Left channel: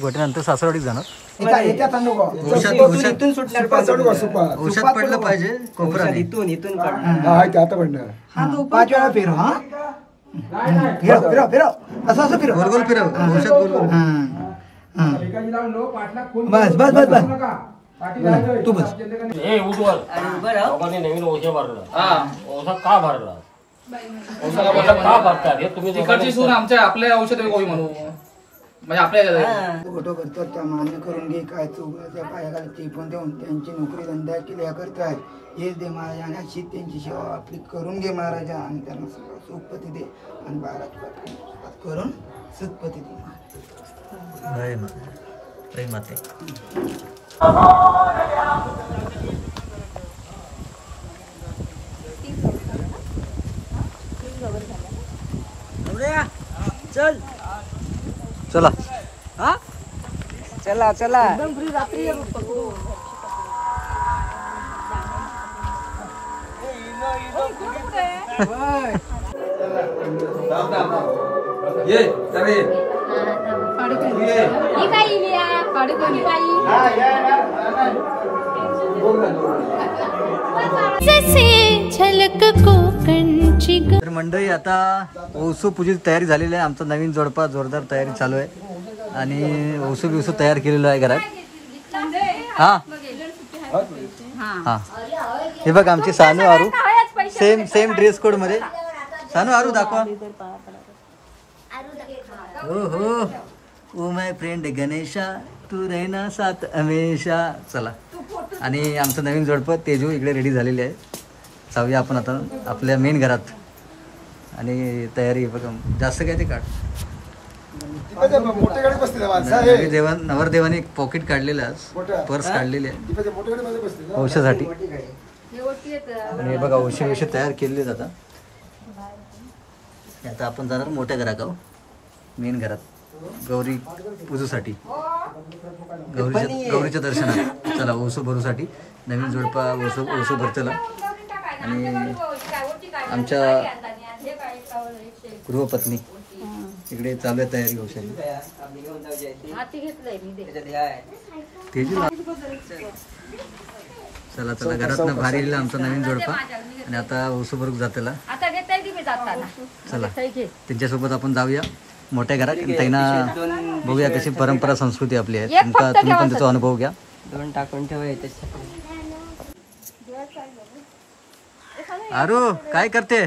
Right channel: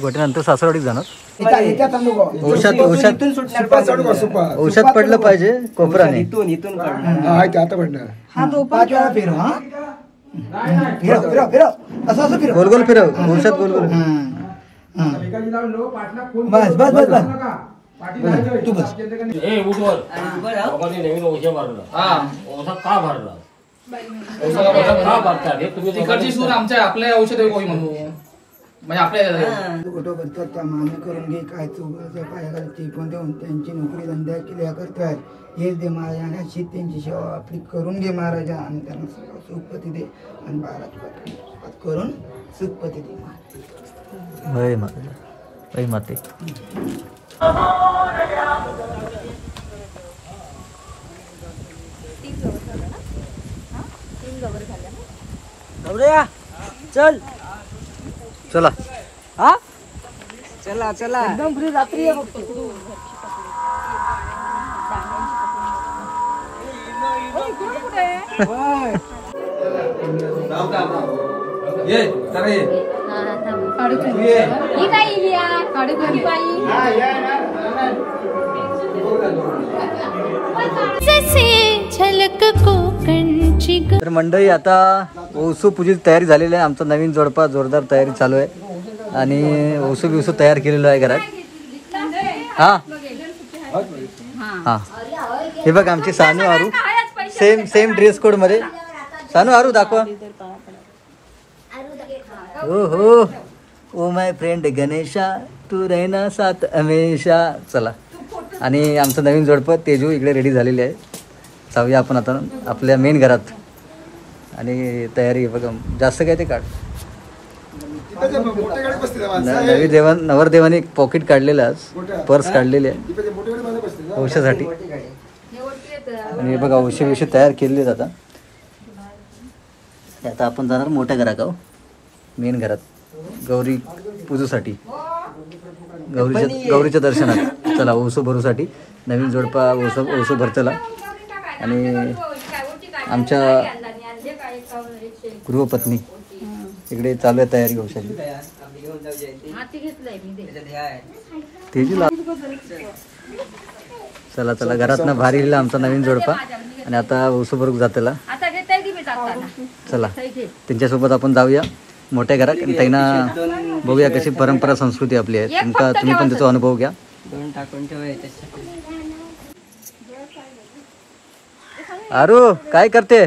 गोट्यानंतर सासरवाडीत जाणार. औषध पडलं पाहिजे कोपराने. इथून गोल गोल फिरव. औषध गोल गोल. बस बस बस बस तू बस. तिकडची सून आमच्या आपल्या औषध गोळी म्हणू म्हणजे आपल्या फोटो करतात त्या मान्य करून घे काय चौघाच्या पायाखाली ते पण देऊन त्यांची नोकरी धंदा केल्या करतात हेच दे महाराजांना शीत त्यांची सेवा आपली करून घे महाराजा आणि त्यांना सुखपती दे आणि बाळा करून सुखपती दे. होय माते होय माते. चल चला. हा चला चला. तर मंडळी आता ओसू पूजेची तयारी झालेली आहे. आमचा नवीन जोडपा जोरदार तयारी चालू आहे आणि ओसू बिवसू तयार केलेलो आहे घरात. हा हा हे बघ आमची सानू आरू सेम सेम ड्रेस कोड मध्ये. सानू आरू दाखवा. हो हो ओ माय फ्रेंड गणेशा तू रहना साथ हमेशा. चला आणि आमचं नवीन जोडपं तेजू इकडे रेडी झालेली आहे. जाऊया आपण आता आपल्या मेन घरात आणि तयारी बघा जास्त काय ते काढ. नवरदेवाने एक पॉकेट काढलेलं आज पर्स काढलेली आहे औषधासाठी आणि बघा औषध विषय तयार केलेले आता. आता आपण जाणार मोठ्या घरात आहो मेन घरात गौरी पूजेसाठी गौरीच्या दर्शनात. चला ओसू भरूसाठी नवीन जोडपा ओसू भरतला आणि आमच्या गृहपत्नी इकडे चालू आहे तयारी औषधी. तेजूला चला चला घरातनं भारी लिहिला आमचा नवीन जोडपा आणि आता ओसू भरूक जातला. चला त्यांच्यासोबत आपण जाऊया मोठ्या घरात आणि त्यांना बघूया कशी परंपरा संस्कृती आपली आहे. तुम्ही पण त्याचा अनुभव घ्या. आरू काय करते.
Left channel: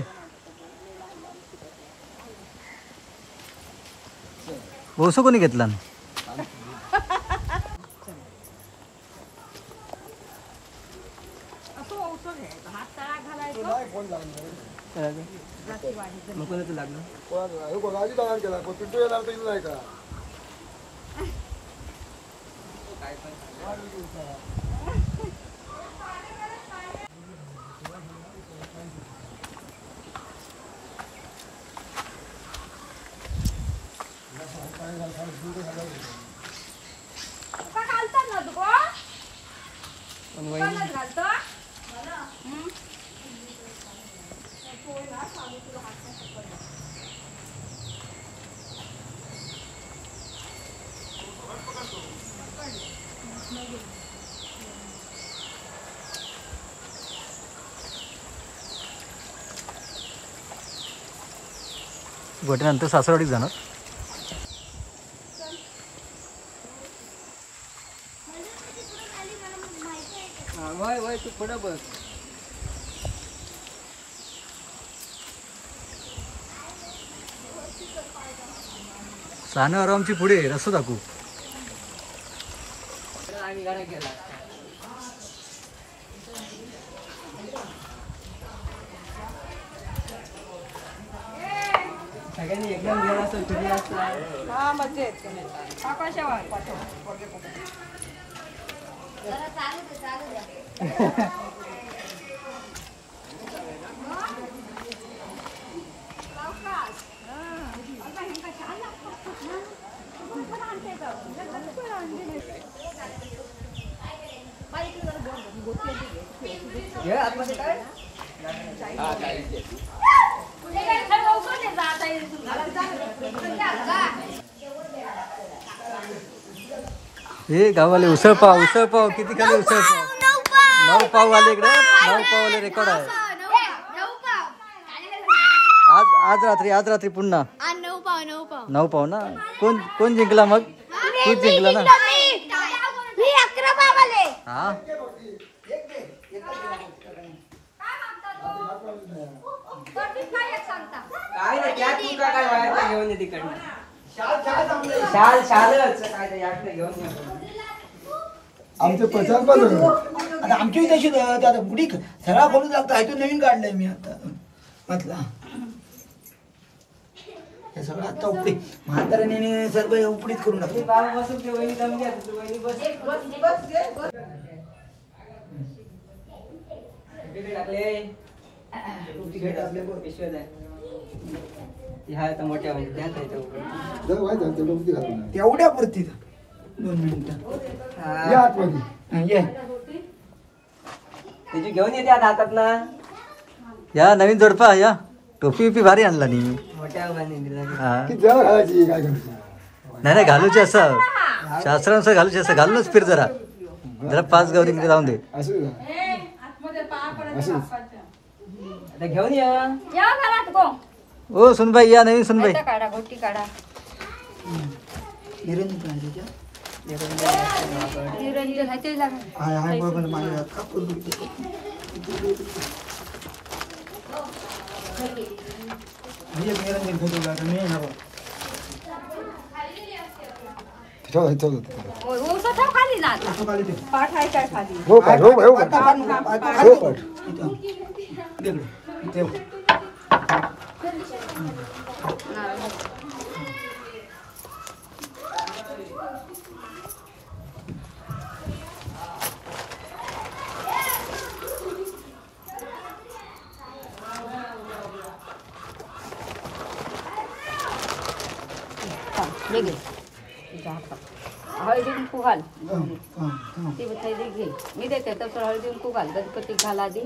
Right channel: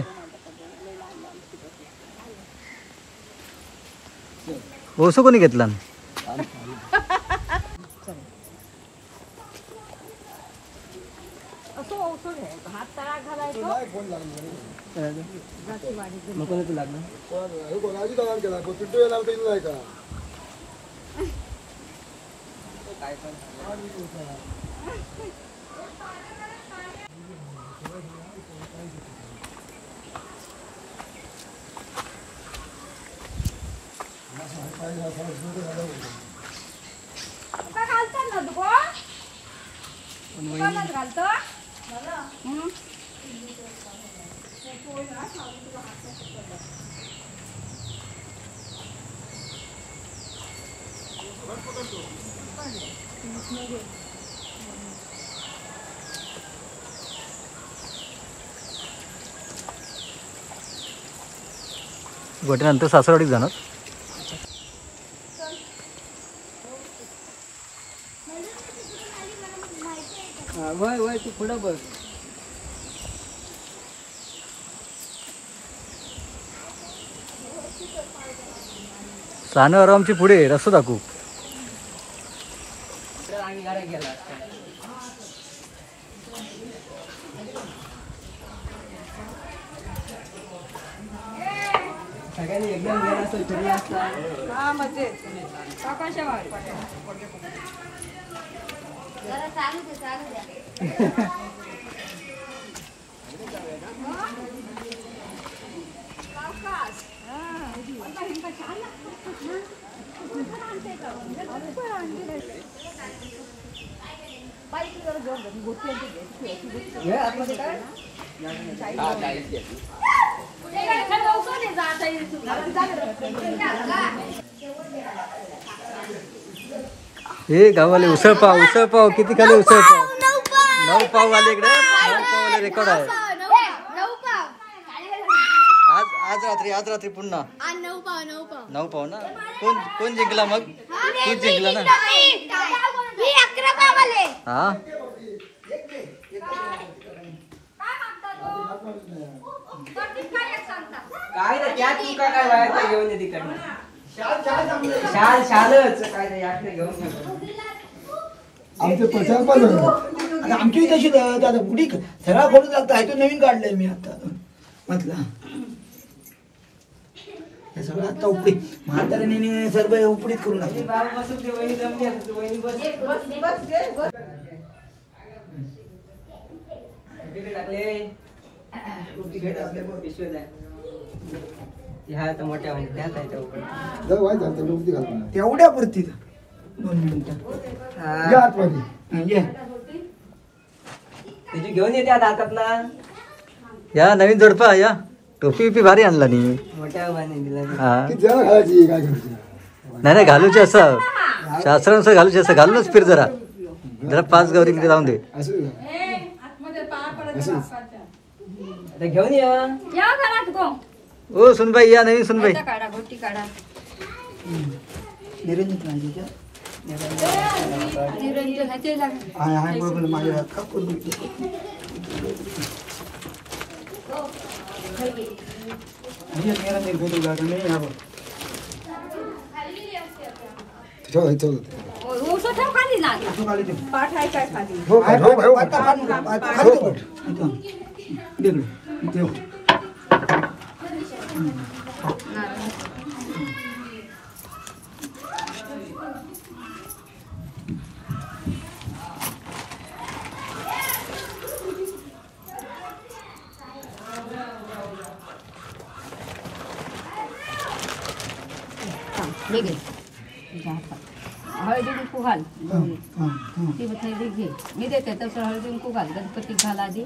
ओसू कोणी घेतला. गोट्यानंतर सासरवाडीत जाणार. वय वय तू पुढं बस. सानू आरामची पुढे रस्ता दाखवू. सगळ्यांनी एकदम गेला असं फिरला असता. हे गावाले उसळ पाव किती खाले उसळ पाव 9 पाव आले इकडे 9 पाव आले रेकॉर्ड आहे आज रात्री पुन्हा 9 पाव ना कोण जिंकला मग तूच जिंकला ना हा आमचे प्रचार पण आता आमची तशी आता पुढी सगळा खोडून लागतं तो नवीन काढलाय मी आता म्हटलं हे सगळं आता उपडी म्हाताऱ्याने सर्व उपडीत करून तेवढ्या पुरती 2 मिनिटं घेऊन येते आता हातात ना या नवीन जोडपा या टोपी भारी आणला नी मोठ्या हा नाही घालूचे असं शास्त्रानुसार घालूचे असं घालूनच फिर जरा 5 गौरी तिथे जाऊन दे घेऊन ये ओ सुनबाई या नवीन सुनबाई हळदी कुंकू घाल ती थैली घे मी देते तसं हळदी कुंकू घाल गणपतीत घाल आधी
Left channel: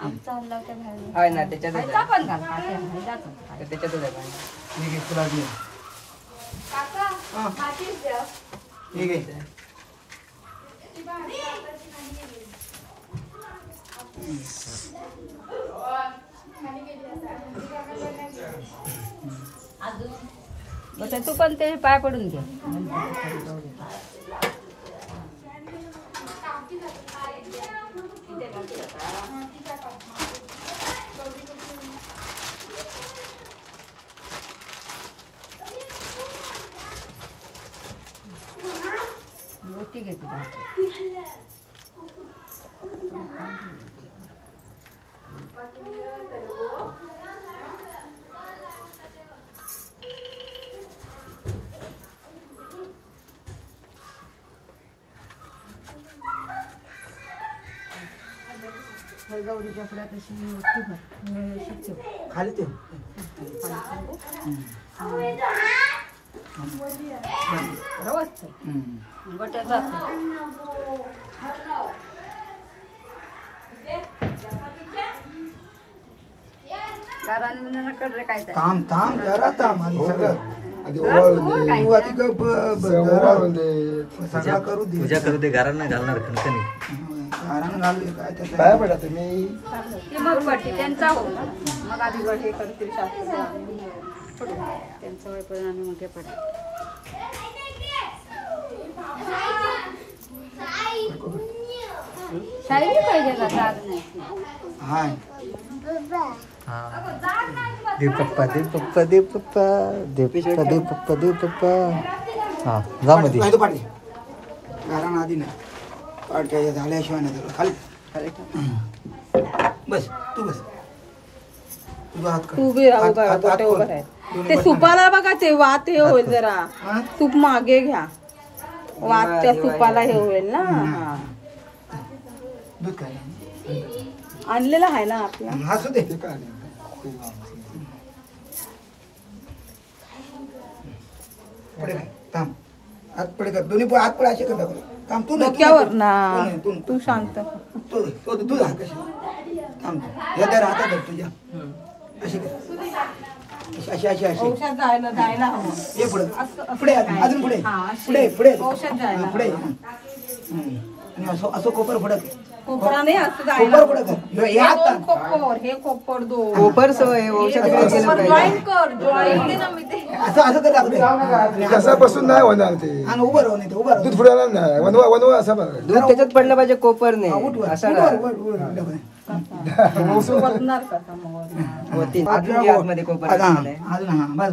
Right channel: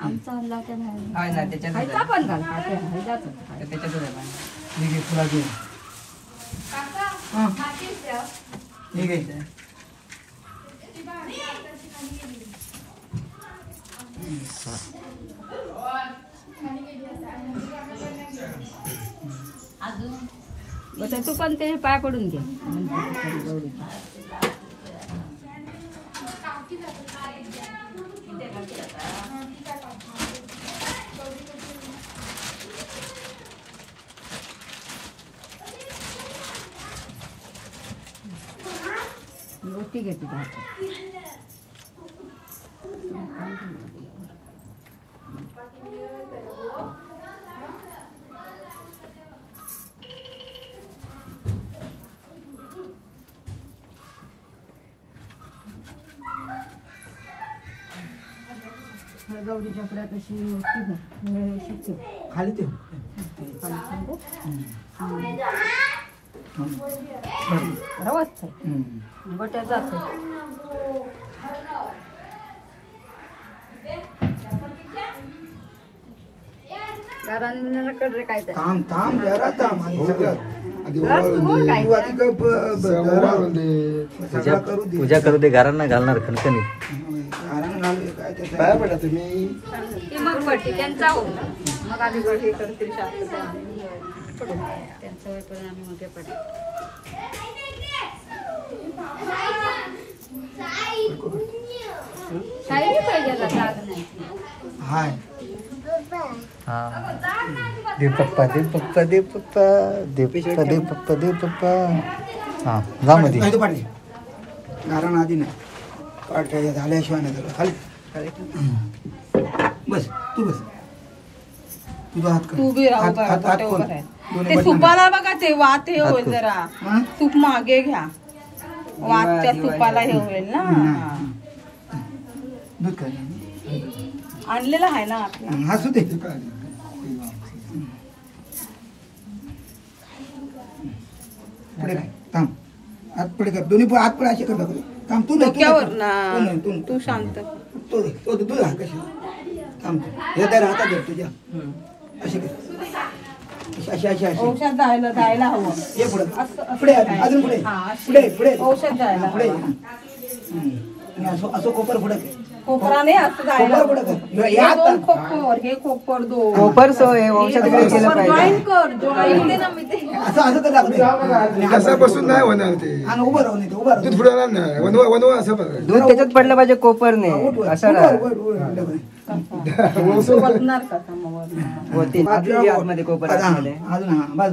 आमचा हल्ला त्या बाहेर पण घाल काट्या तू पण ते पाय पडून घ्या रोटी घेते गौरी बकऱ्या तशी खाली ते बट्या जात कडे काय थांब जरा थांब पूजा करू दे घरांना घालणार खणखणी काय पडा तुम्ही ते मग पडते त्यांचा हो मग आम्ही हे करतील शास्त्र त्यांचं वय करून आम्ही मग पडा शाही पाहिजे जाग नाही हाय देव पप्पा देव पप्पा देव पप्पा देव पप्पा देव पप्पा देव पप्पा हा जा मध्ये कारण आधी ना पाठ्या झाल्याशिवाय नाही खाली बस तू बस तू बी राहू ते सुपाला बघा ते वात हे होईल जरा सूप मागे घ्या वात त्या सुपाला हे होईल ना आणलेला आहे ना आपला हसू दे पुढे थांब हात पुढे कर दोन्ही हात पुढे असे कर थांब तू डोक्यावर ना तू शांत तू राहा कशी थांब या त्या हातात धर तुझ्या अशी कर अशी अशी अशी औषध जायला हवं ये पुढे पुढे अजून पुढे पुढे पुढे औषध जायला पुढे आणि असं असं कोपर पुढे खोपरा नाही असं जायला कोपर पुढे कर हे दोन खोपर हे खोपर दोन कोपर सोय औषध जॉईन कर जॉईन दे ना मी ते असं असं तर लागते असं बसून नाही होणार ते आणि उभं राहून येते उभं राहून दूध फुटणार नाही वनवा वनवा असं बघा दूध त्याच्यात पडलं पाहिजे कोपर नाही असं बसणार का समोर होती अजून जे आतमध्ये कोपर आतमध्ये. अजून हा बस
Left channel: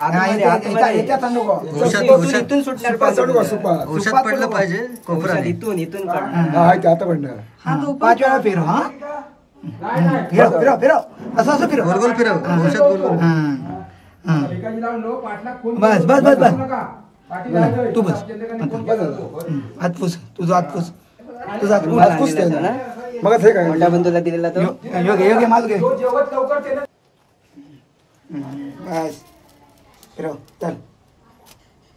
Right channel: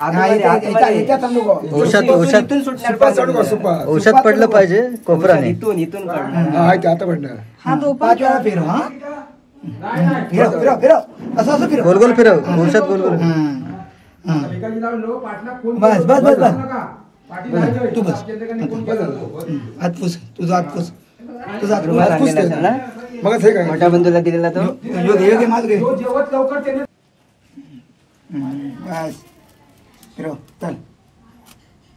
आतमध्ये औषध औषध इथून सुटणार सुपा चढू का सुपा औषध पडलं पाहिजे कोपराने. इथून पडणार हा ते आता पडणार हा जो 5 वेळा फिरव हा फिरव फिरव फिरव असं असं फिरव गोल गोल फिरव औषध गोल गोल. बस बस बस बस तू बस हात पुस तुझा हात पुस तुझा हात हात पुसते मग हे काय मोठ्या बंधूला दिलेला तो योग्य योग्य माझ घे बस फिरव चल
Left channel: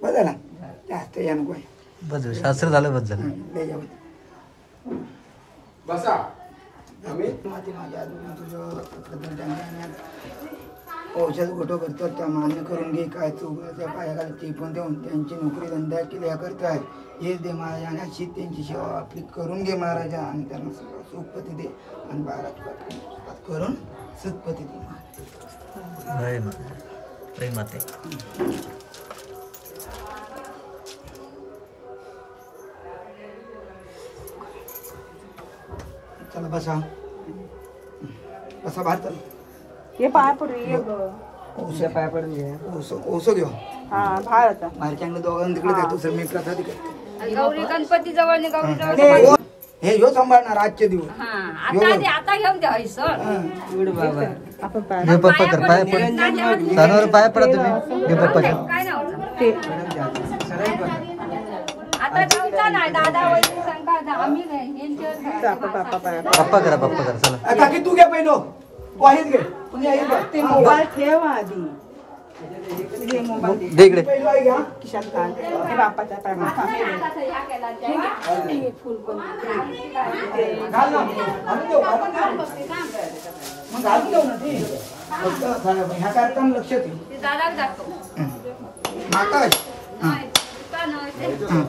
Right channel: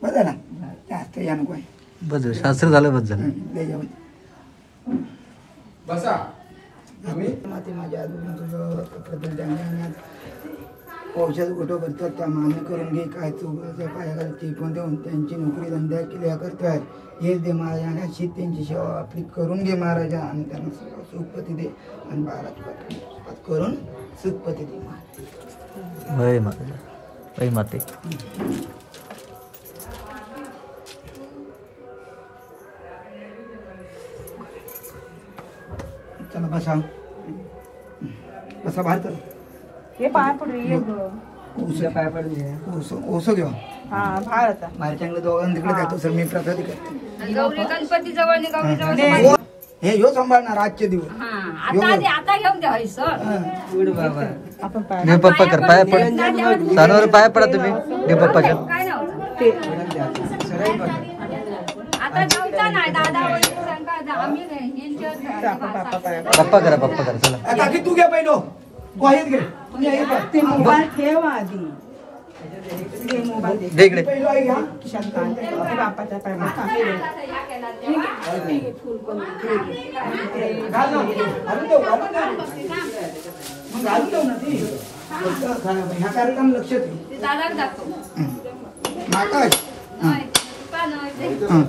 बस झाला जास्त या नको बस झालं. शास्त्र झालं बस झालं. बसा माझ्या औषध गोटो करतात त्या मान्य करून घे काय चौघाच्या पायाला ते पण देऊन त्यांची नोकरी धंदा केल्या करताय हेच दे महाराजा शीत त्यांची सेवा आपली करून घे महाराजा आणि त्यांना सुखपती दे आणि बाळा करून सुखपती दे वय माते वय माते. चला बसा बसा बाहेर चला हे पाया पडू ये उद्या पाया पडून घे. ओसो देवा हा भारता बाहेरच्या दोघांना तिकडे जातो सर मी प्रथा तिकडे गौरी गणपती जवळ नि गौरी जवळ हे ह्यो सांभाळणार आजचे दिवस आता घेऊन द्या सर उड बाबा आपण पाया घे पप्पा कर पाया पड सानवर पाया पडा तुम्ही घे पप्पाच्या. काय नव्हतं ते आता तुमचा नाही दादा वगैरे सांगा आम्ही नाही हिल घेऊन आपण पापा पाया पप्पा करा चला. आता की तू घे पहिलो वाहीत घे तुम्ही हे बघ. ते मोबाईल ठेव आधी ते मोबाईल दे. दे इकडे. पहिलो आहे घ्या खिशात घाल. ते बापाच्या पायाला कापू दे. घाल ना. घालून देऊ, घालून देऊ. मग घालून देऊ ना ती. फक्त ह्या कार्यक्रम लक्ष ठेव. ते दादा दाखव माता आहे. हा. का नाही ते हा.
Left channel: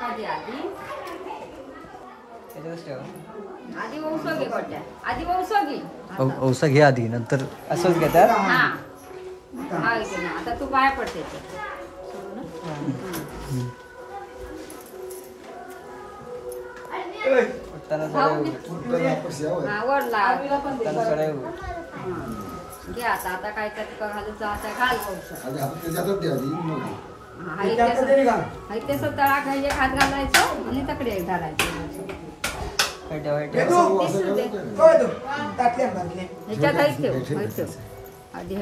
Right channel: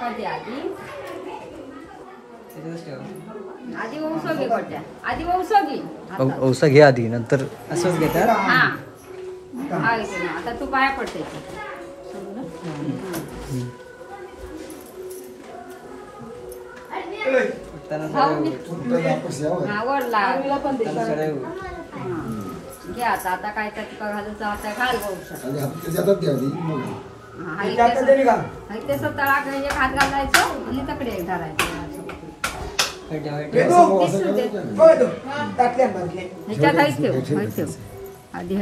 कधी आधी त्याच्यातच ठेव. आधी औषधी पडल्या आधी औषधी औसा घे आधी नंतर असंच घेतात हा आता तू पाया पडते पटताना आवडला आरूला पण दे. घे आता काय तर घालून आता घाल औषध आणि आपण ते जातात द्या आधी मग त्यात देवी घाल. ते तळा घ्यायचे हात घालायचं आणि तकडे घालायचं हे तू, बघ तू. त्यातल्या भरले. ह्याच्यात आहेच ठेव आधी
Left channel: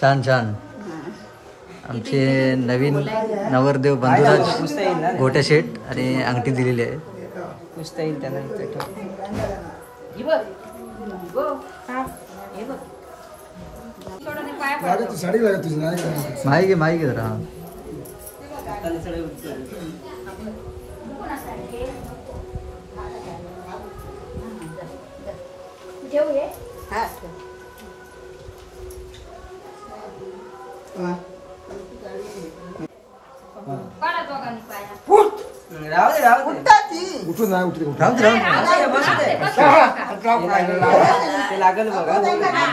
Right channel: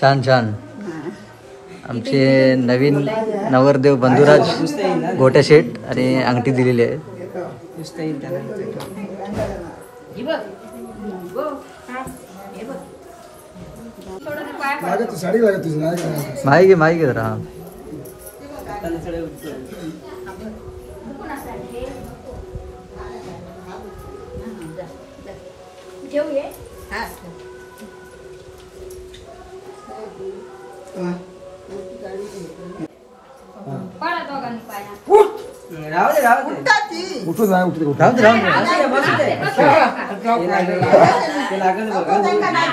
छान छान. आमचे नवीन नवरदेव बंधुराज गोट्या शेट आणि अंगठी दिलेली आहे. पुसता येईल त्याला इथे ठेव. थोडं पाया पड लागत साडी लागत तुझी नाही काय माही घे जरा. हा हातानं सगळे उचल. पडा दोघांनी पाया राहू दे उठून नाही उठले राहून दे, राहून दे. असू दे, बसू दे. ते लागल बघा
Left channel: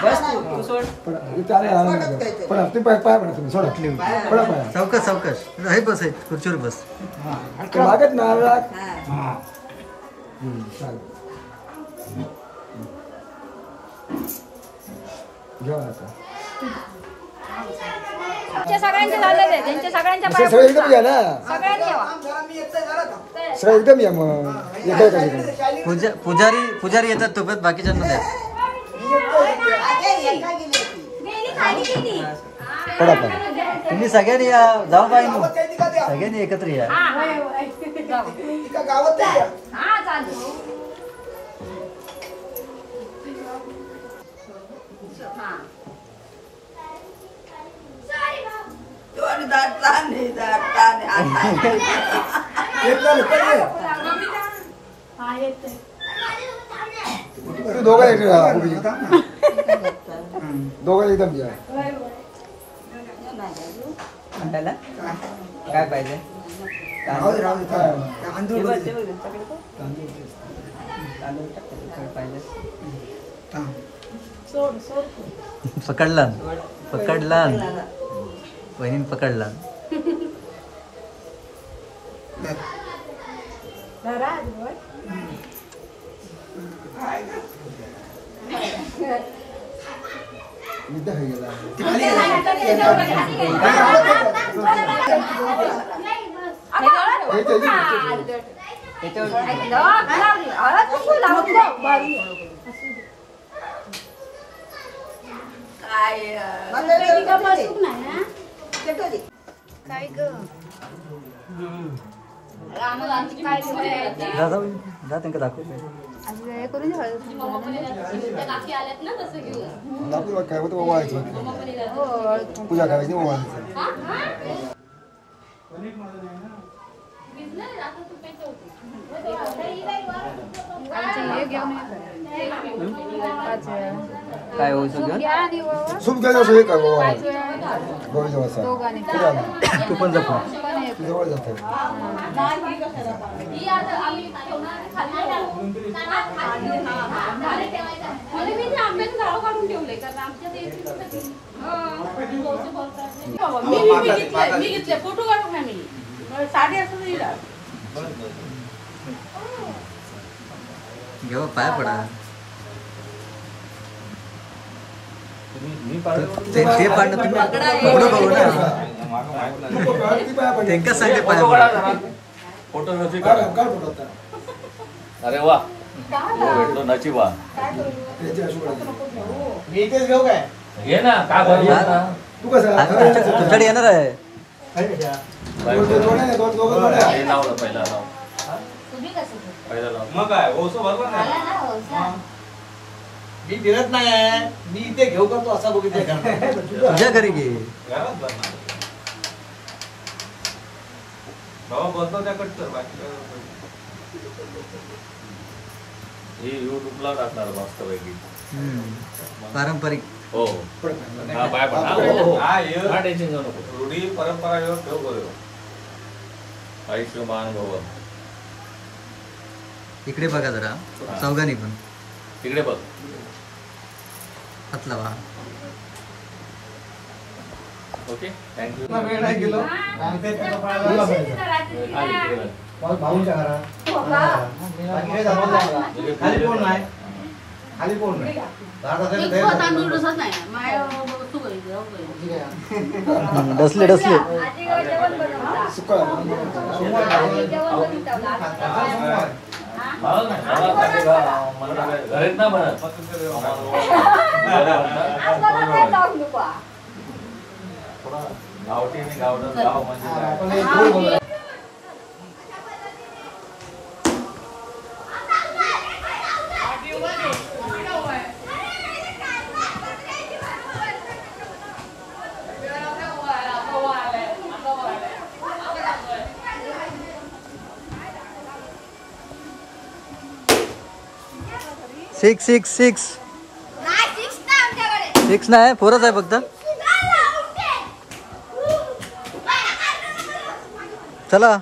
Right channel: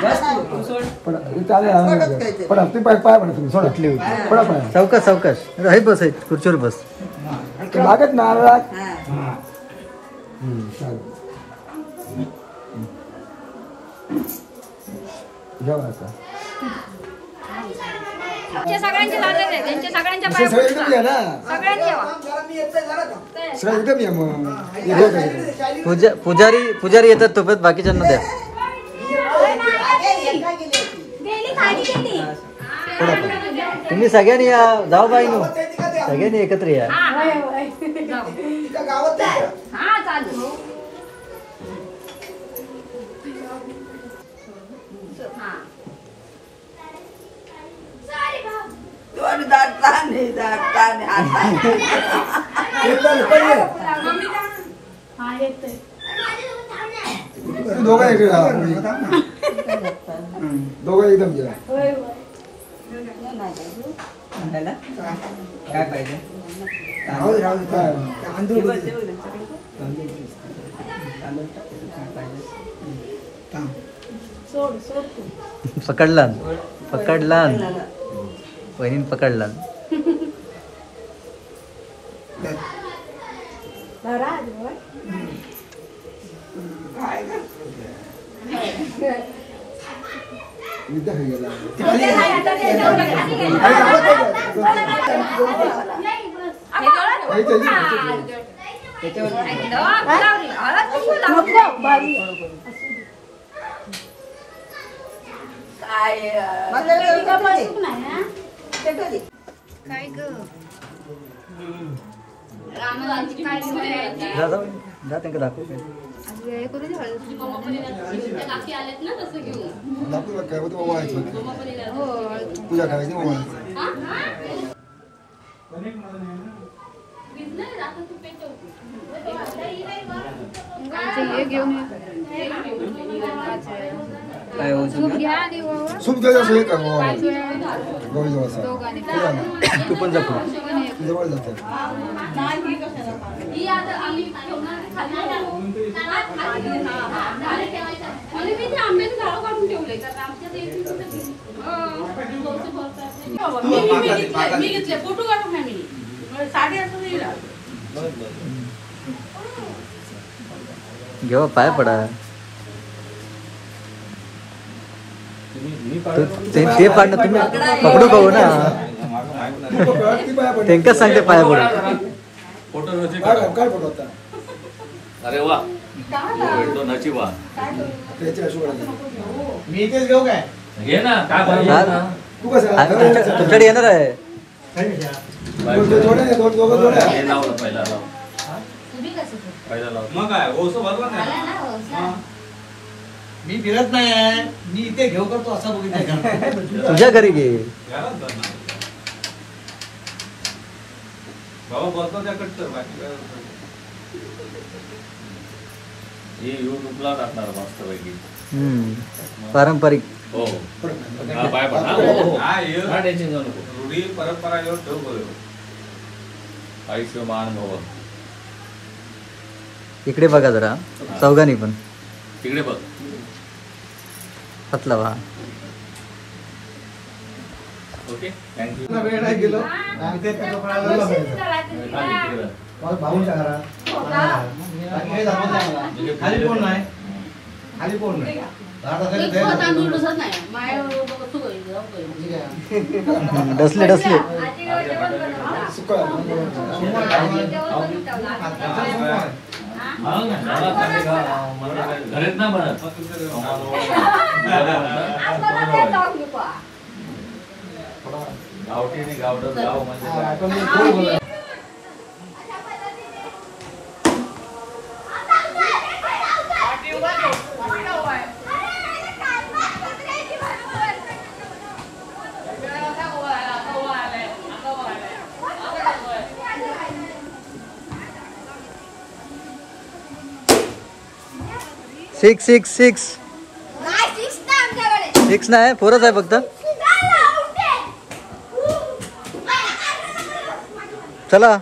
बस तू सोड. पण इथे आले पण तुम्ही पाय पाय पडा तुम्ही सोडा पडा पाय सावकाश हे बस आहे खुर्चीवर बस. ते लागत ना जेव्हा आता तुमच्या सगळ्यांचे झालेले आहे. त्यांचे सगळ्यांच्या असे पाया सगळे एकदम या ना सगळ्यांनी यावा. सगळे एकदम या मग हे होत आहे. पुजारी येतात तोपर्यंत बाकीच्यांना द्या. पडा पाय तुम्ही सगळ्यांनी या जाऊ बाईनो सगळ्यांनी एकत्र या. हा चालेल दोघं एकदम घ्या. म्हणताना काय पाहिजे राहू दे, राहू दे. तांदूळ बघ. काय पाहिजे थांब. पकडला पकडला वहिनीन पकडला. विद्या खाई गेला. जा जाऊ जा त्यांना दाखव. नागपूर काय होतं वावायचं. पूजा करायची वावायचं. काय होऊ सूप द्यायचं असेल काय वावायचं. तू पण जा पुढे. जवळ जातं. घेऊ पाय पडा. ते पाडणं तुम्ही पकडू पाहू ना. त्यांकाच सांगते पाया पडू. काय फोटो होता. अरे वा भेटतो नशिबा. मी इथेच घेऊ काय. घे ना काय बरं तू कसं तुमच्याकडे येणार आहे. हे लावलं पहिला लाव. पहिला लाव. मग काय ओसो भरला ना. मी फिरत नाही आहे. मी इथे घेऊ का तो असा बघितलं. तुझ्या घरी घे. घरात भरणार. भाऊ बोलतो त्या कट कर बाकी. हे युट्यूबला टाकणार मस्त पैकी. पारंपरिक. हो हा, पाय पड. हा, ये. काय टेन्शन घेऊ नको. रूढी परंपरा घेऊन ठेव बोलू. आयुष्यमान भव. इकडे बघा जरा चौघांनी पण. तिकडे बघ. हातला वा. Okay thank you. वेळ नाही गेलो. भाऊंच्या घरात आणि हे झालं मला. खाली कोण नाही. खाली कोण नाही. डसले डसले. घरीच ना बनत. गावठी आणि गावडं गाव म्हणजे 6 नाही 4च आहे फक्त. चला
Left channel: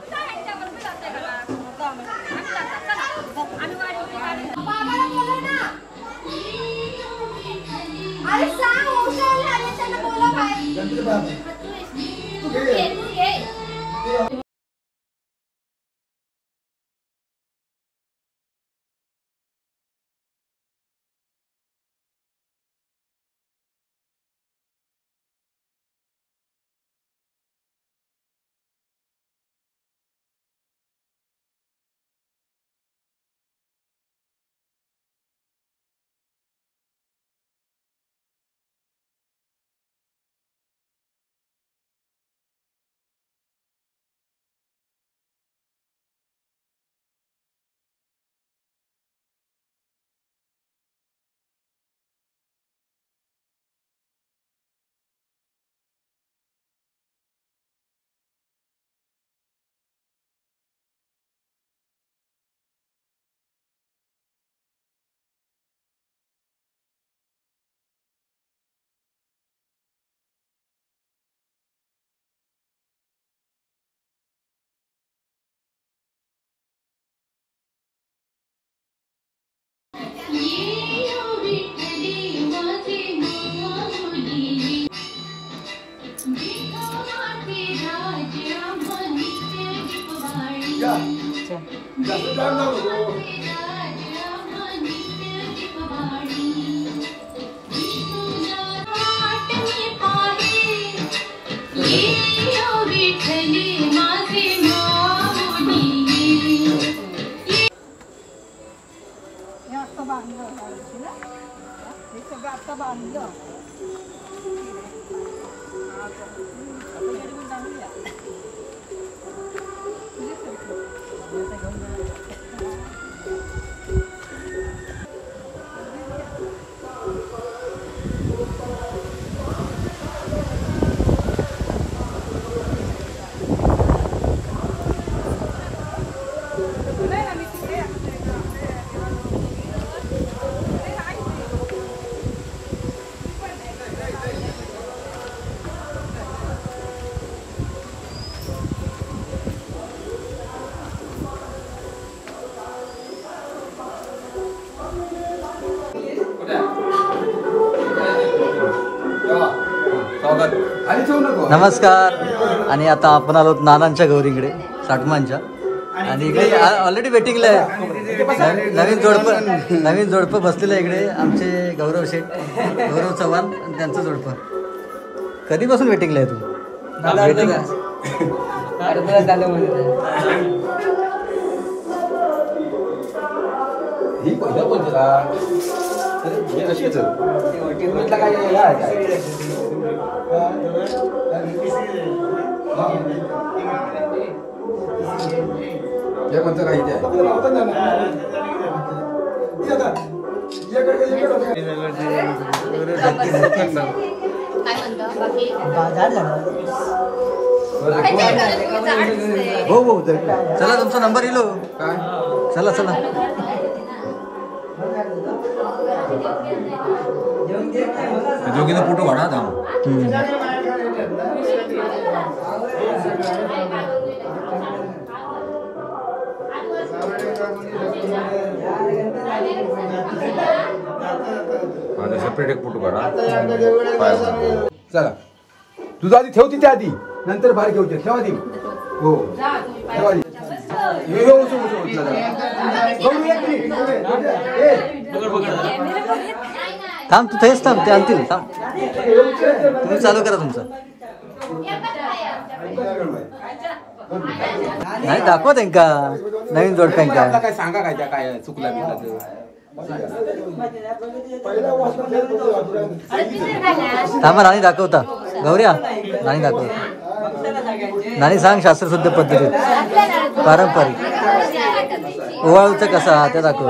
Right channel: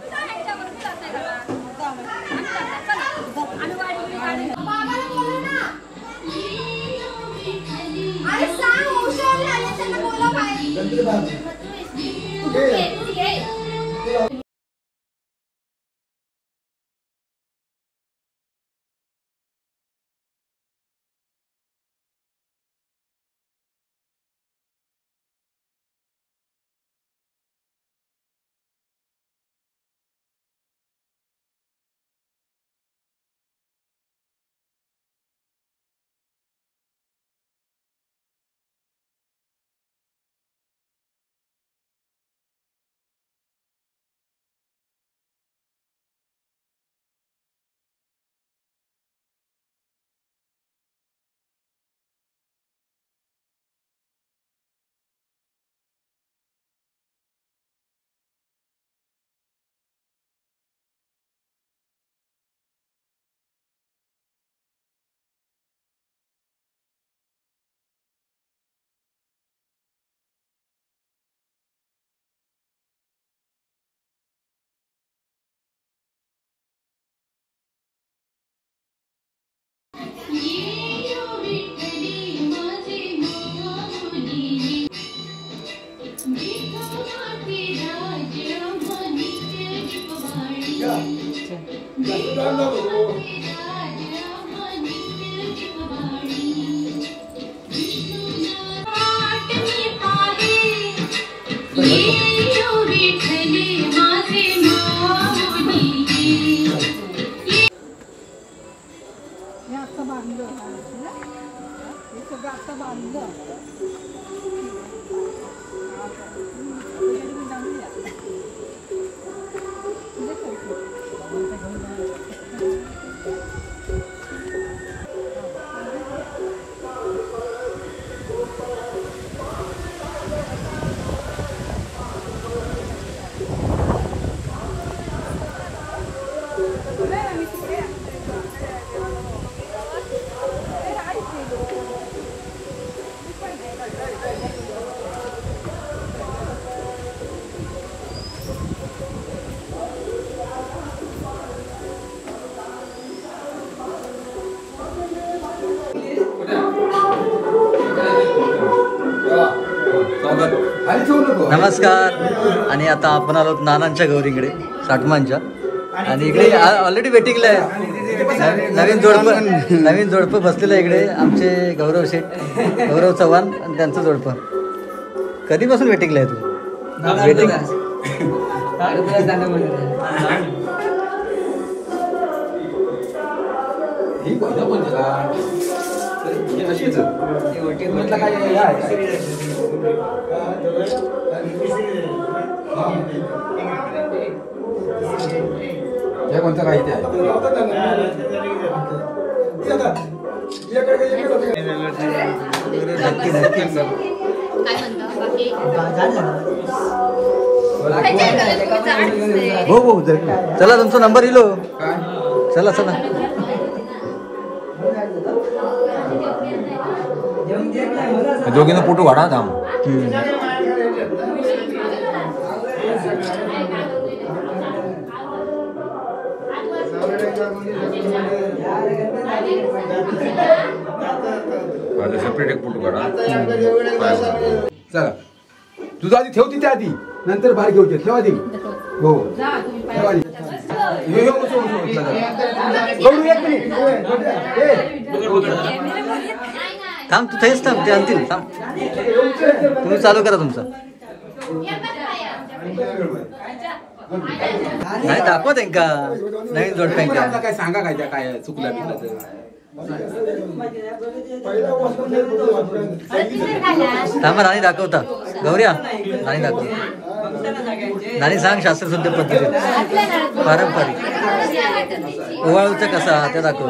नमस्कार. आणि आता आपण आलो नानांच्या गौरीकडे साठमांच्या. आणि इकडे ऑलरेडी वेटिंगला आहे नवीन जोडपं बसलेलं आहे इकडे. आमचे गौरव शेठ, गौरव चव्हाण आणि त्यांचं जोडपं. कधीपासून वेटिंगला आहे तू? वेटिंग कोणतं काही ते नक्की नक्की. चला तुमचा नंबर इलो. चला चला. दोघींना फोटो वाढा थांब. सेपरेट एक फोटो काढा. चला तुझा आधी ठेव तिथे आधी, नंतर बाहेर घेऊ. ठेव आधी. हो ठेव आधी. थांब तू थेच थांब, ते आणतील. थांब तुम्ही चालू करा तुमचं. नाही दाखवा त्यांका नवीन जोडप्यांका. काय सांगा काय त्या काय चुकला थांबा. राणी दाखवता. गौऱ्या राणी दाखवता. राणी सांग शास्त्रशुद्ध पद्धती पारंपरिक ओवाळूचं कसा त्या दाखव.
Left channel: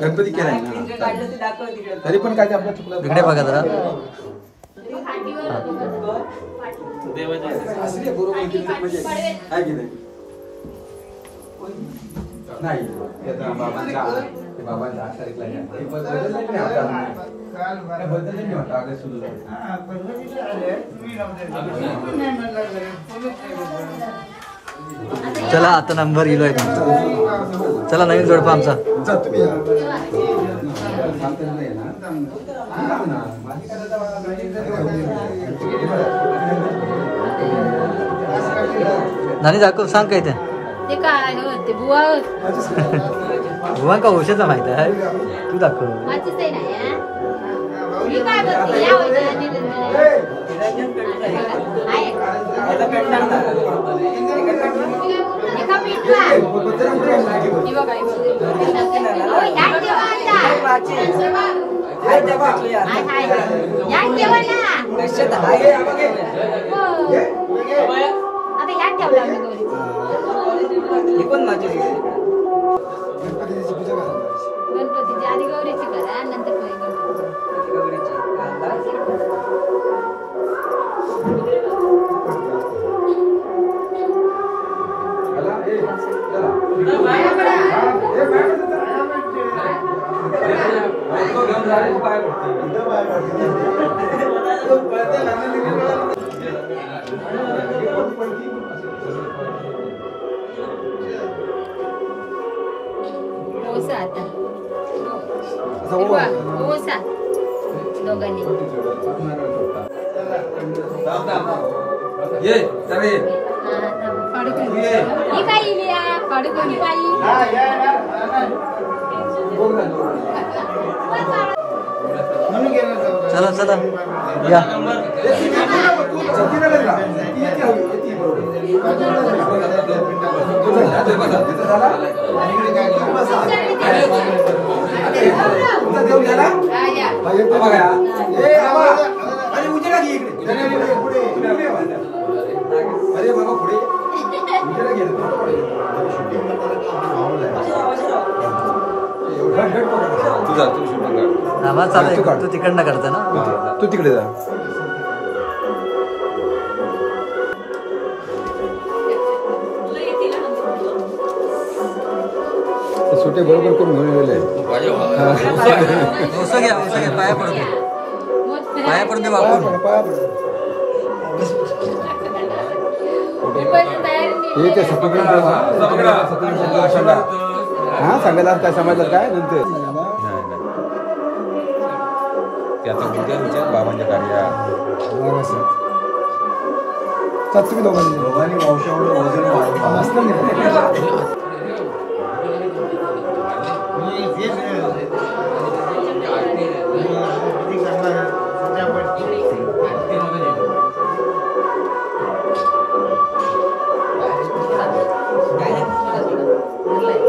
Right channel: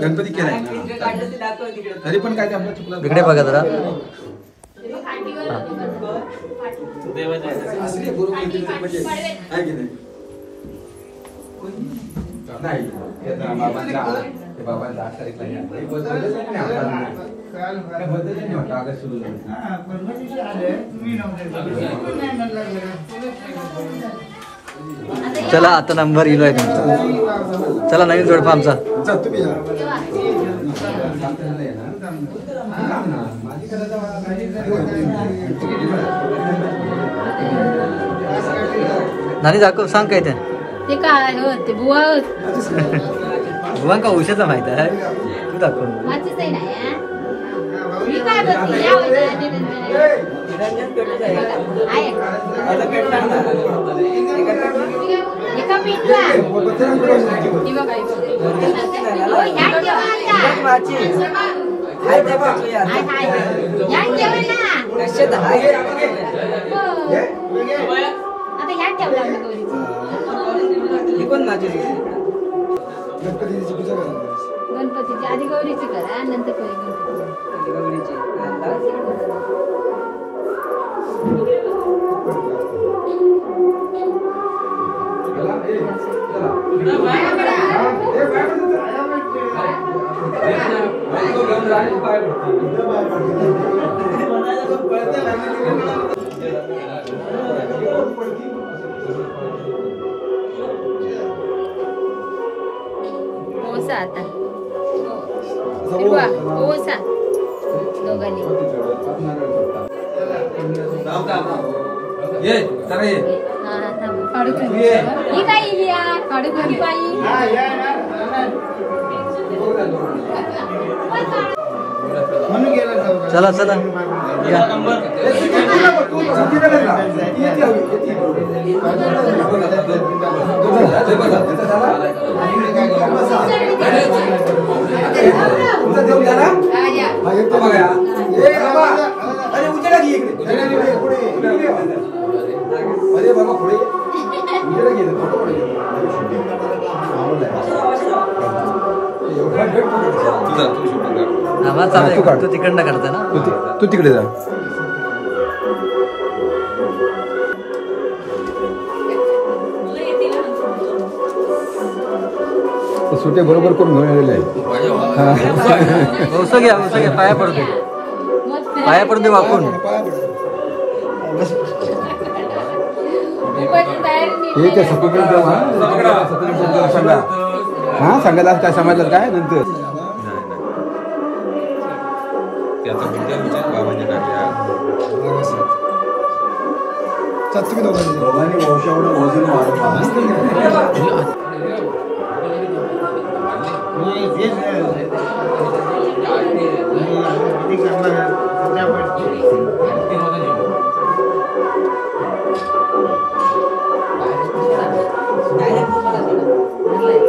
गणपती केलाय तरी पण काय इकडे बघा जरा. चला आता नंबर इलो आहे तुमचा. चला नवीन जोडपा आमचा. नानी दाखव. सांग काय ते बुवा का औषध माहित आहे. तू दाखव. गणपतीची आधी गौरीची करा, नंतर ओसा आता ओसा दोघांनी ये जरा ये ही काय इलिया काढी बाई चला चला या अरे उजेडा घे इकडे अरे बाबा पुढे उजेडा घे आवाज चालू आहे तू तिकडनं काढता ना तू तिकडे जा सुटे बरोबर करून घेऊन आलेले आहेत औषध घ्या पाया पडते वाकून हे ते सांगायला काय समाजात काय नंतर त्याचा बाबांच्या टाकल्या वंशामुळे वजन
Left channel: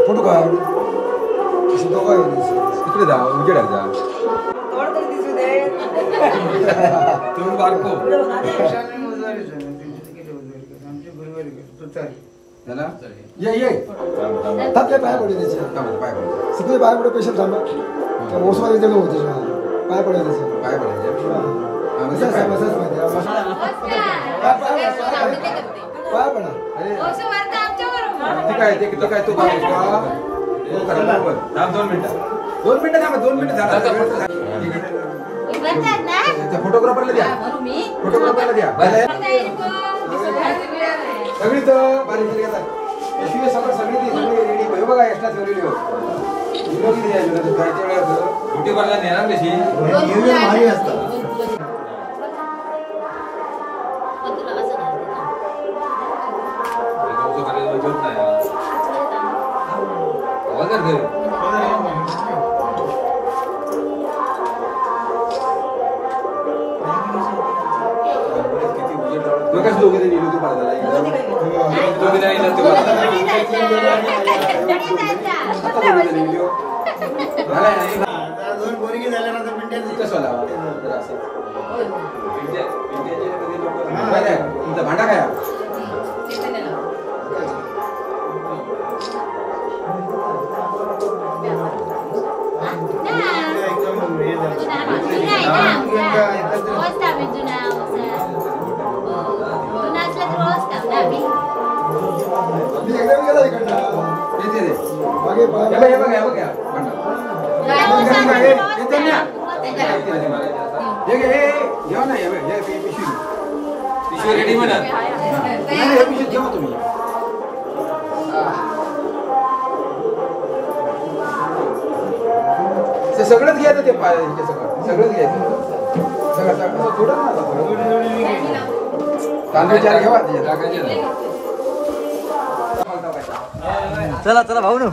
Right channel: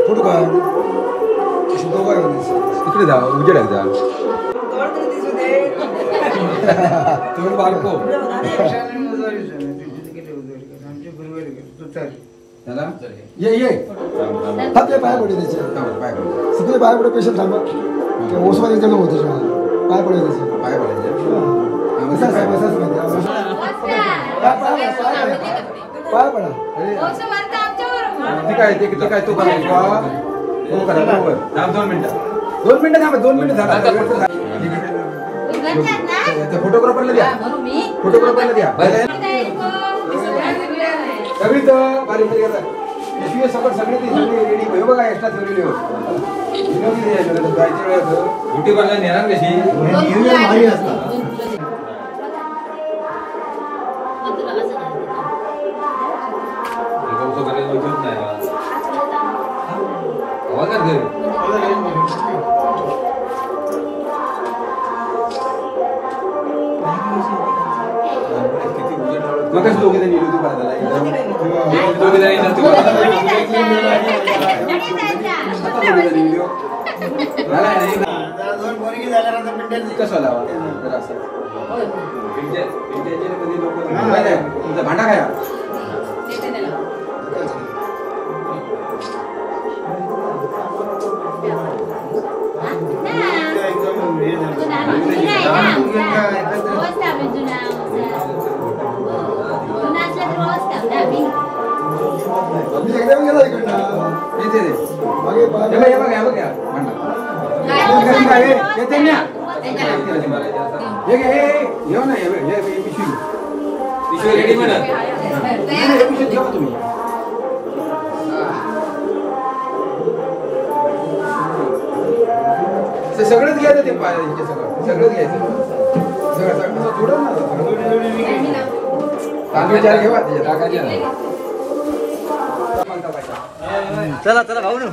कुठं का तिकडे जा उजेड जा तुम्ही बारको ये आपल्या पाय पडे त्याचे सगळे पाय पडे पेशंट थांबा ओसवाने त्याला होते पाय पडे त्याचे पाय पडायचे पाय पडा काय ते काय तो काय 2 मिनिटं झाला फोटोग्राफरला द्या सगळी तर बारीक सगळं सगळी बघा एक्स्ट्रा ठेवलेली मोठी बघा नेणार कशी भारी असतात दोघे जण येलो तू बाजारला दोघे जण येतात तुमचा भांडा खाया तुम्ही सगळंच घ्यायचं ते सगळंच घ्यायचं घेवा चला चला भाऊ न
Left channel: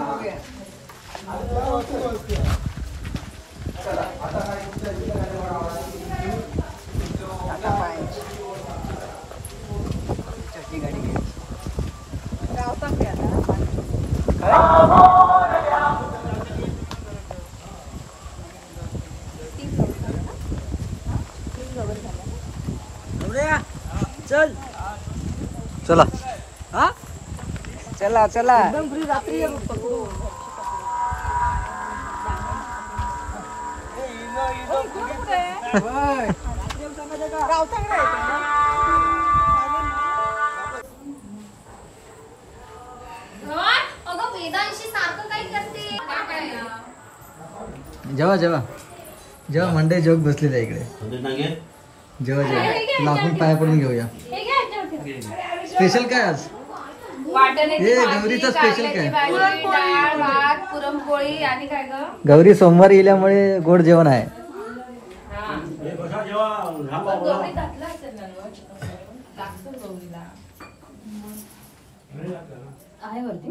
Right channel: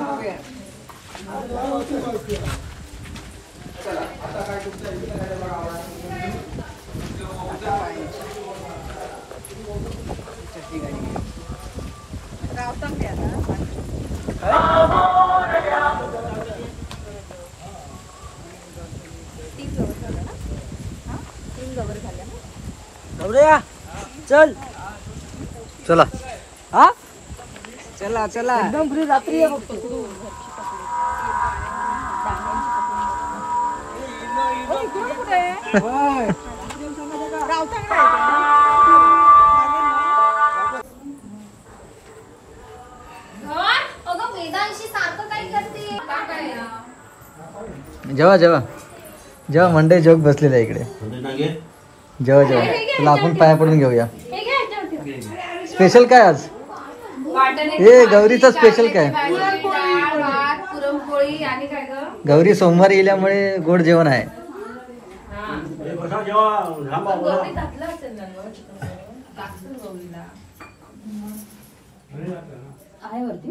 चल चला हा चला चला जेव्हा जेव्हा जेव्हा मंडई जोग बसलेला आहे इकडे जेव्हा जेव्हा तुला आपण पाया पडून घेऊया स्पेशल काय आज हे गौरीचा स्पेशल काय पुरणपोळी आणि काय ग गौरी सोमवारी येल्यामुळे गोड जेवण आहे गौरी घातला असेल ना टाकसून गौरीला आहे वरती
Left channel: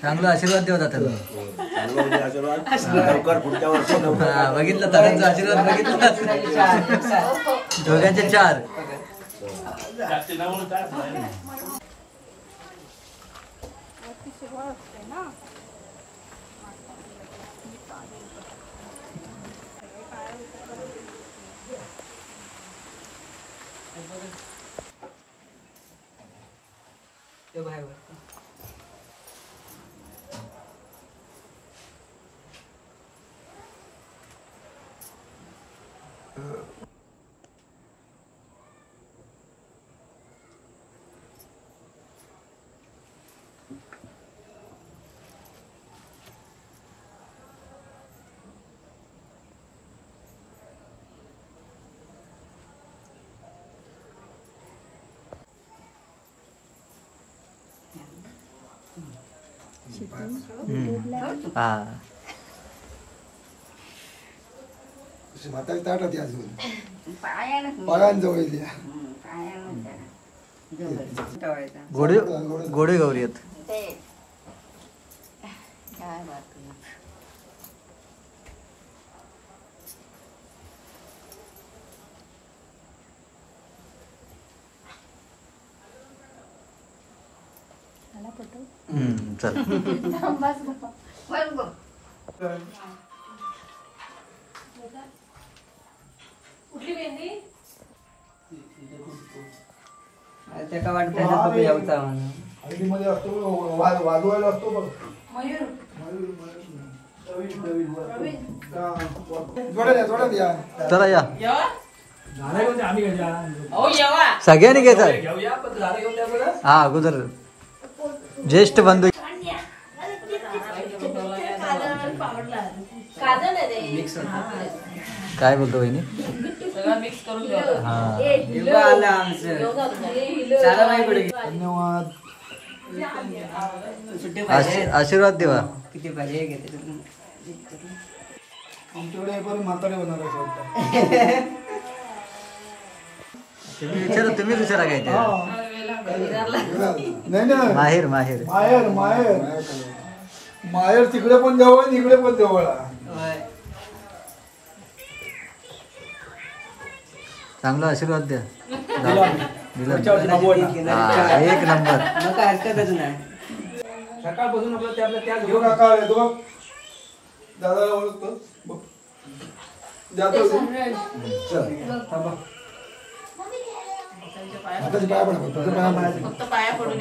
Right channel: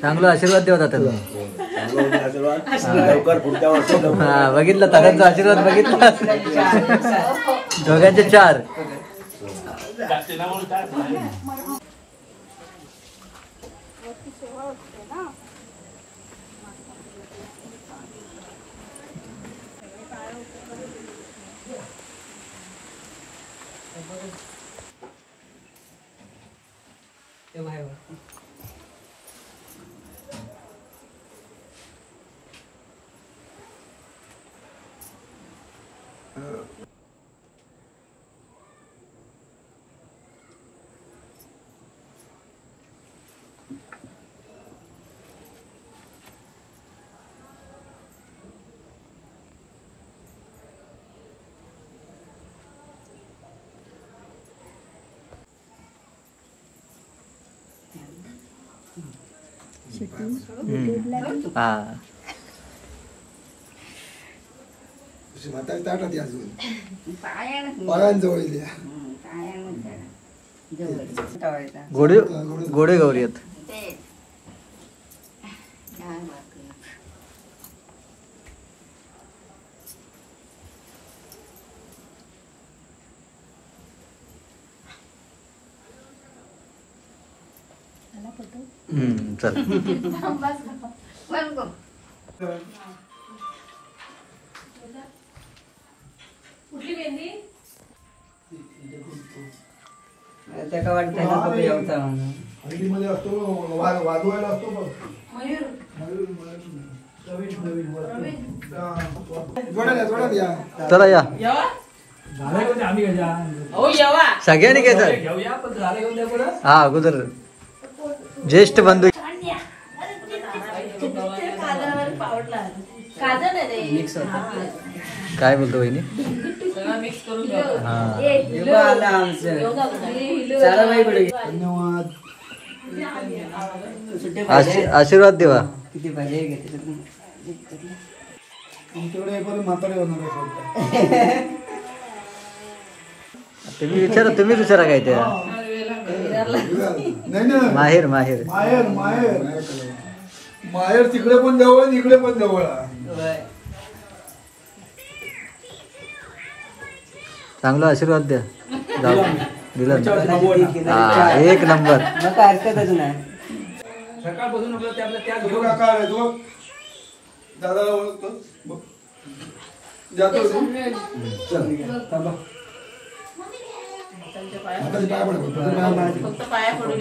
चांगला आशीर्वाद देवता त्यांना. हा बघितलं दादांचा आशीर्वाद बघितला. दोघांचे 4. हा म्हातारी ताट होती अजून पायांजवळ गोडे गोडे गौरी आहेत. चल त्याका वाटतं यावचा म्हणून हळदीमध्ये असतो वाजवायला असतो बघ. जोड्यात या. चला या सगळ्यांनी घ्यायचा. हा अगोदर ज्येष्ठ बंधू काय बोलतो वहिनी. हा आला आमचं चला बाई पुढे. धन्यवाद. आशीर्वाद देवा. किती पाहिजे घेते तुमच्याकडे पण म्हातारे होणार आहे. तुम्ही विचारा काय ते. नाही माहेर माहेर माहेर माहेर माहेर तिकडे पण जवळ इकडे पण जवळ. चांगला आशीर्वाद द्या. दिला हा 1 नंबर. मग काय हरकतच नाही. सकाळपासून आपलं त्या घेऊ नका रे तो दादा ओळखतो जातो चल थांबा. फक्त पाया पडून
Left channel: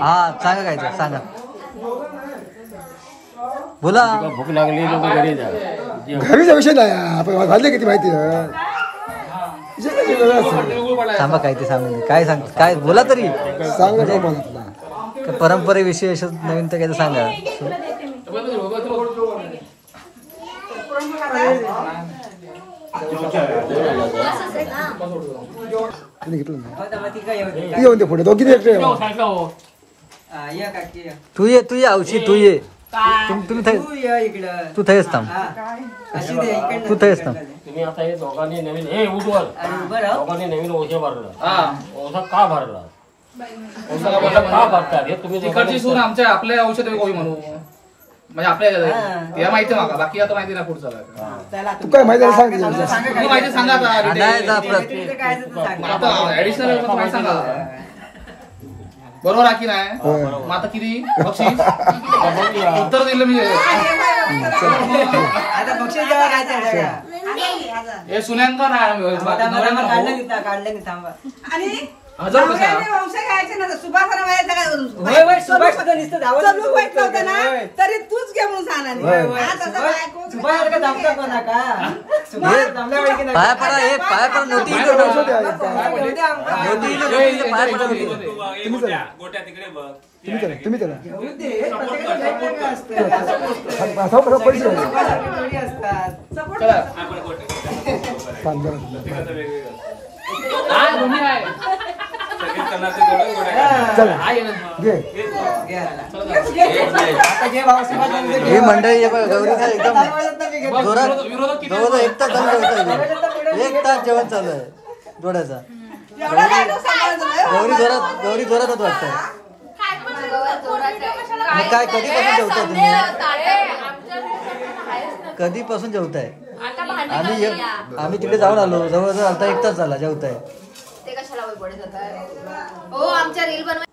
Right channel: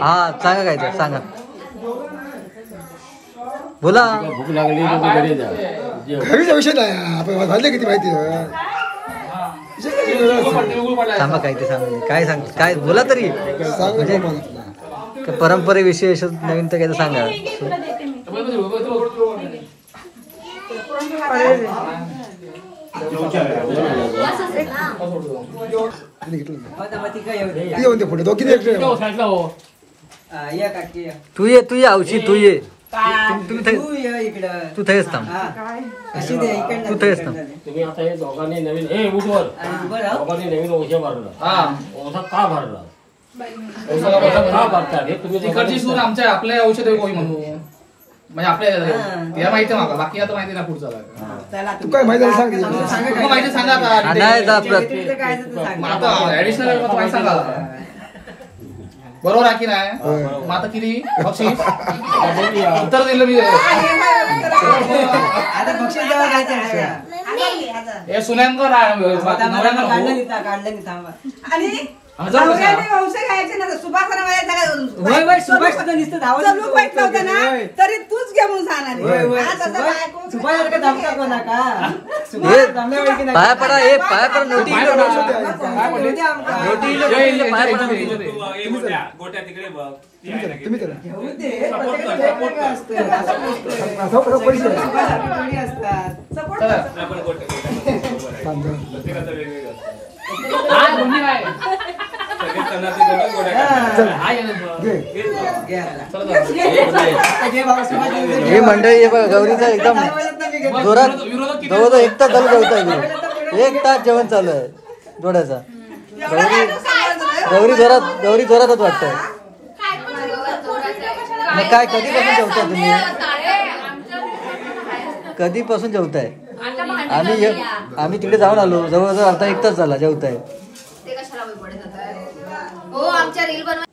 हा सांगा काय ते सांगा. बोला. भूक लागली तर घरी जा. घरीचा विषय नाही आपण घालते किती माहिती थांबा काय ते सांगू. काय सांग काय बोला तरी म्हणजे परंपरेविषयी नवीन तर काय सांगा. येऊन दे पुढे दोघी तू ये औशी तू ये. तू थंयच थांब. तू थंयच थांब. तुम्ही आता हे दोघांनी नवीन उठवर दोघांनी नवीन ओझे भरला. ओझा का भरला का भरतात हे तुम्ही तिकडची सून आमच्या आपल्या औषध गोळी म्हणू म्हणजे आपल्या तिला माहिती मागा बाकी आता माहिती ना पुढचा. तू काय माहिती सांग. माहिती सांगा ऍडिशनल माहिती सांगा बरोबर आहे की नाही. मग आता किती बक्षीस उत्तर दिलं मी. आता बक्षीस द्यावा काय हे सुनांकर काढलं थांबा. आणि वंश घ्यायचे ना सुभाषाला होय होय सुभाष तर नुसतं धावत चालू पाहिजे होतं ना तरी तूच घे म्हणून सांगा सुभाष का धावता म्हणा का सुभाष धावल्या वेळी की नाही पाया पडा हे पाया पडा नोटी पाया पडा नोटी गोट्या तिकडे बघ तुम्ही करा ही मंडळी हे बघा गौरीचा एकदम जोरात जवळजवळ 1 तास चालू जेवता 1 तास जेवण चालू आहे जोड्याचा गौरी जोरातच वाटतंय मग काय कधीपासून जेवताय तुम्ही कधीपासून जेवताय आम्ही तिकडे जाऊन आलो जवळजवळ आता 1 तास झाला जेवताय हो आमच्या रील बनवा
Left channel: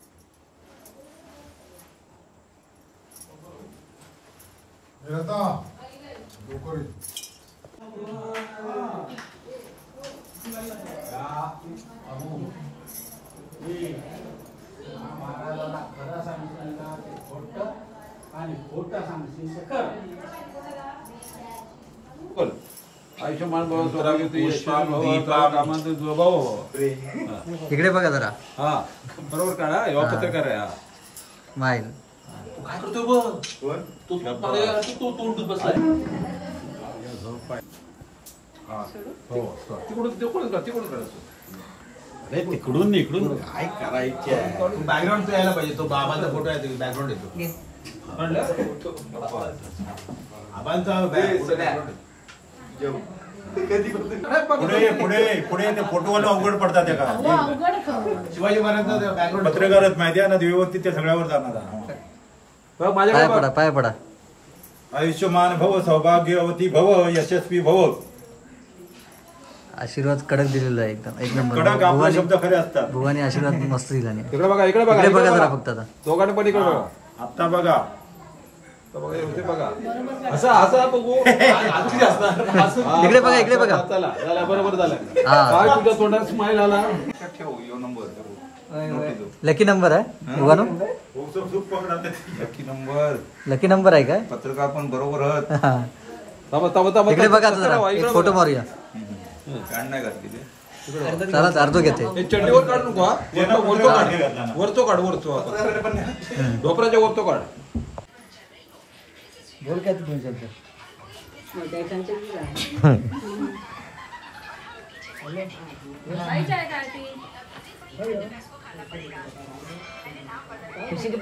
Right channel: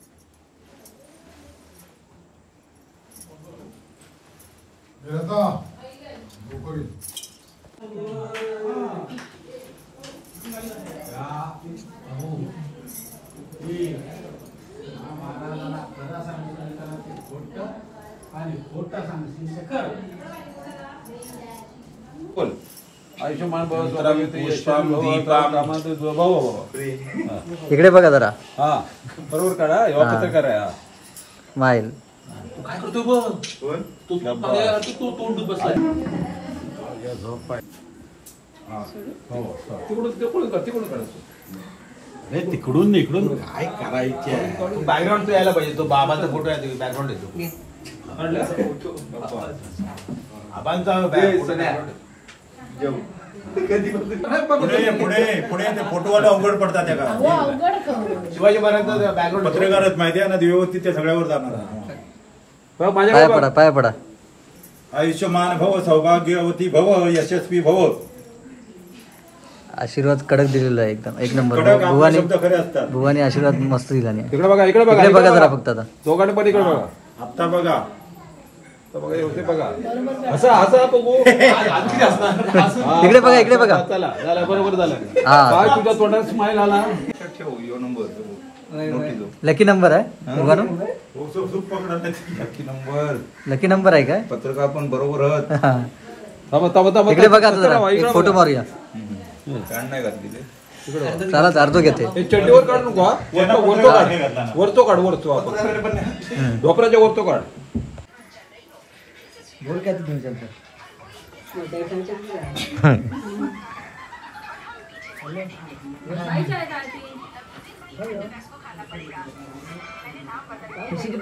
आयुष्यमान भव स्वराज्य यशमान भव कामांत भव इकडे बघा जरा हा बरोबर काढा कसं करा माईल अरे तिकडून इकडून काय करायचे बॅकग्राऊंड यायला पाहिजे तो बाबाचा फोटो आहे बॅकग्राऊंड येतो बाबांचा पुढे ते फोटोवाला अवघड पडतात त्या काळात शिवाजी महाराजांचा बॅकग्राऊंड पत्रकारच माहिती आहे ना व्यवस्थित त्या सगळ्यावर जाणार पाया पडा आयुष्यमान भव सौभाग्यवती भव यशस्वी भव आशीर्वाद कडक दिलेला आहे एकदम 1 नंबर कडक आपले शब्द खरे असतात भुवानी आशीर्वाद मस्त दिला नाही इकडे बघा जरा फक्त आता दोघांनी पण इकडे बघा आता बघा इकडे बघा बरोबर झालं हा तुझ्या तोंडात स्माईल आला लकी नंबर आहे भुवानो लकी नंबर आहे काय पत्रकार पण बरोबर इकडे बघा आता जरा एक फोटो मारूया नाही घातली ते चला अर्धो घेते चड्डीवर काढ नको वरतो काढ ढोपराच्या वरतो काढ बोल काय तुम्ही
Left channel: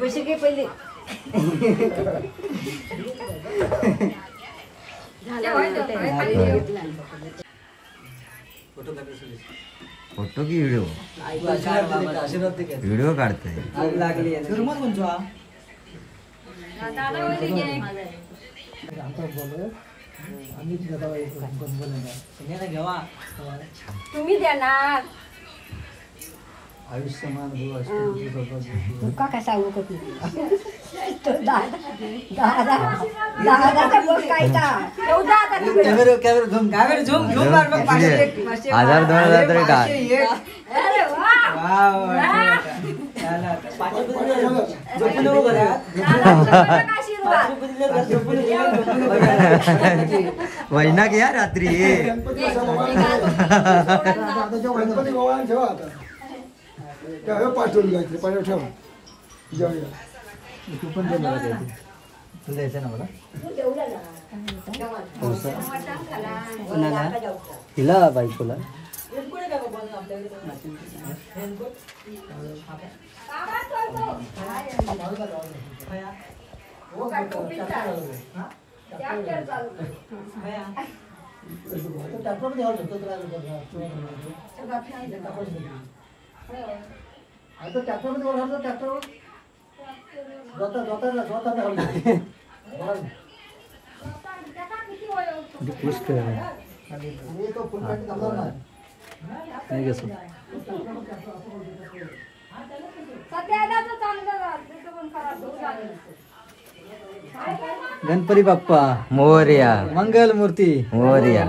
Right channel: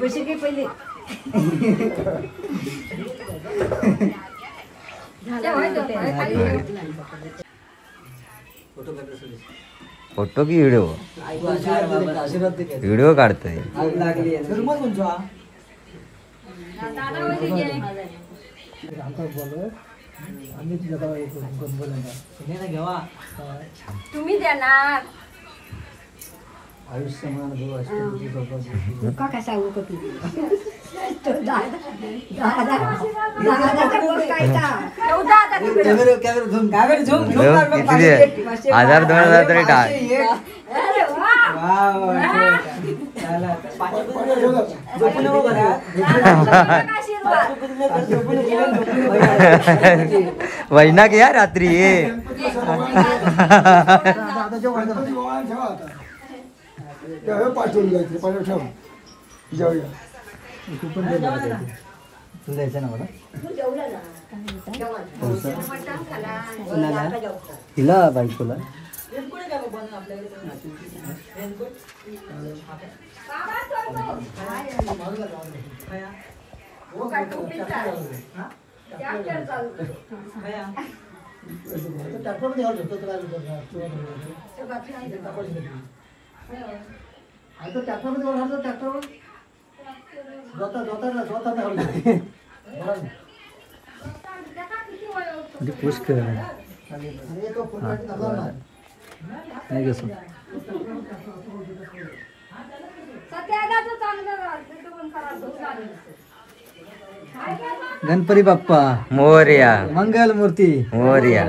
पैसे घे पहिले फोटो की व्हिडिओ व्हिडिओ काढतोय तुम्ही देणार आयुष्यमान का काय सांगू हजार 2,000 तरी टाक वैना घ्या रात्री पाठवून जायचं पाठवून ठेवा जेवूया तू पण दे मला काहीतरी तू द्यायचं ना मला कोणाला हिला बायकोला गणपती बाप्पा मोरया मंगल मूर्ती मोरया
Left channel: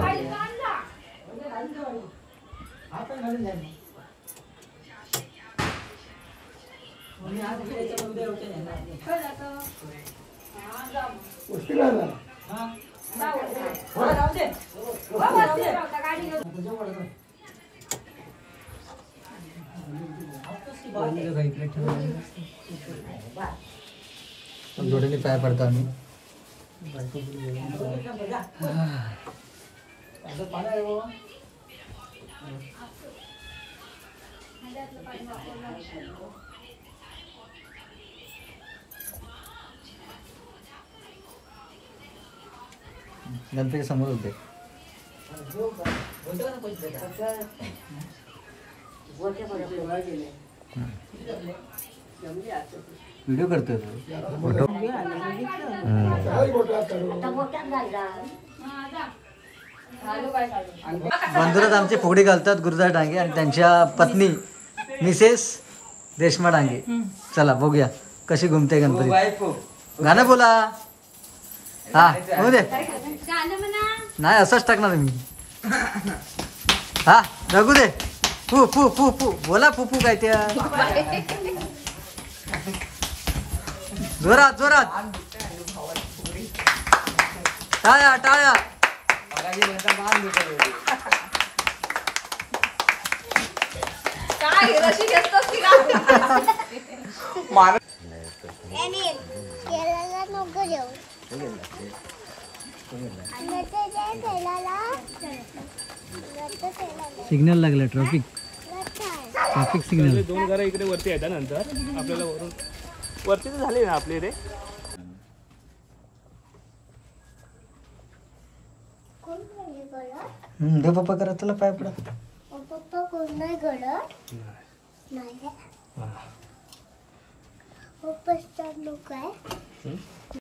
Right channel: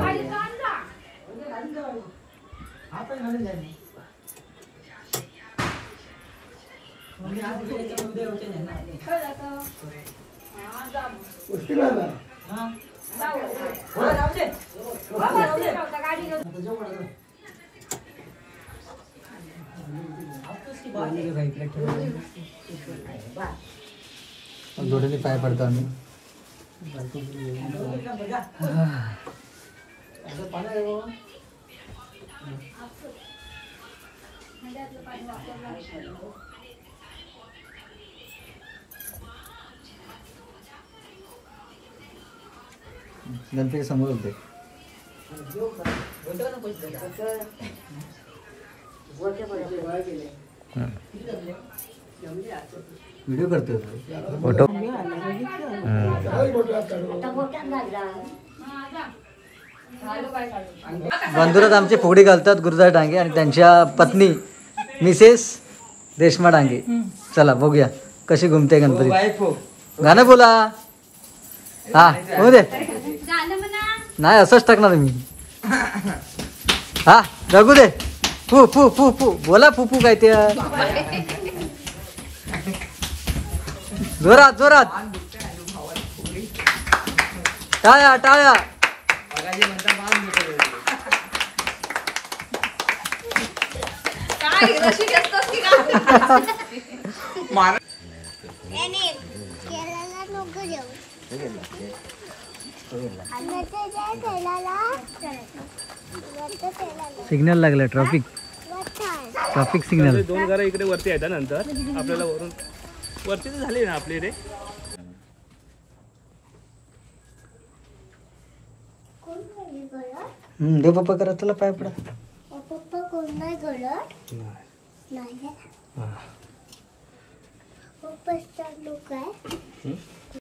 मुश्किल आहे ना. जोडीने पाय पडतो आम्ही. गणपती समोर होते. व्हिडिओ करतोय फोटो. बंधुरात आमचे फुगडी घालतात गुरुदास डांगे आणि त्यांच्या पत्नी मिसेस रेश्मा डांगे. चला बघूया कशी घुमते गणपती. गाणं बोला. हा हो दे. नाही असंच टाकणार मी. हा जगू दे. फू फू फू फू बोला फू फू काय ते. जोरात जोरात टाळ्या टाळ्या. सिग्नल लागला. Traffic signal. 2 घरं इकडे वरती आहेत नंतर आपल्याला वरून वरती तर झाली ना आपली रे. दे पप्पा करा तुला पाय पडा. पप्पा कोण नाही करत. नाही पप्पा लोक आहे.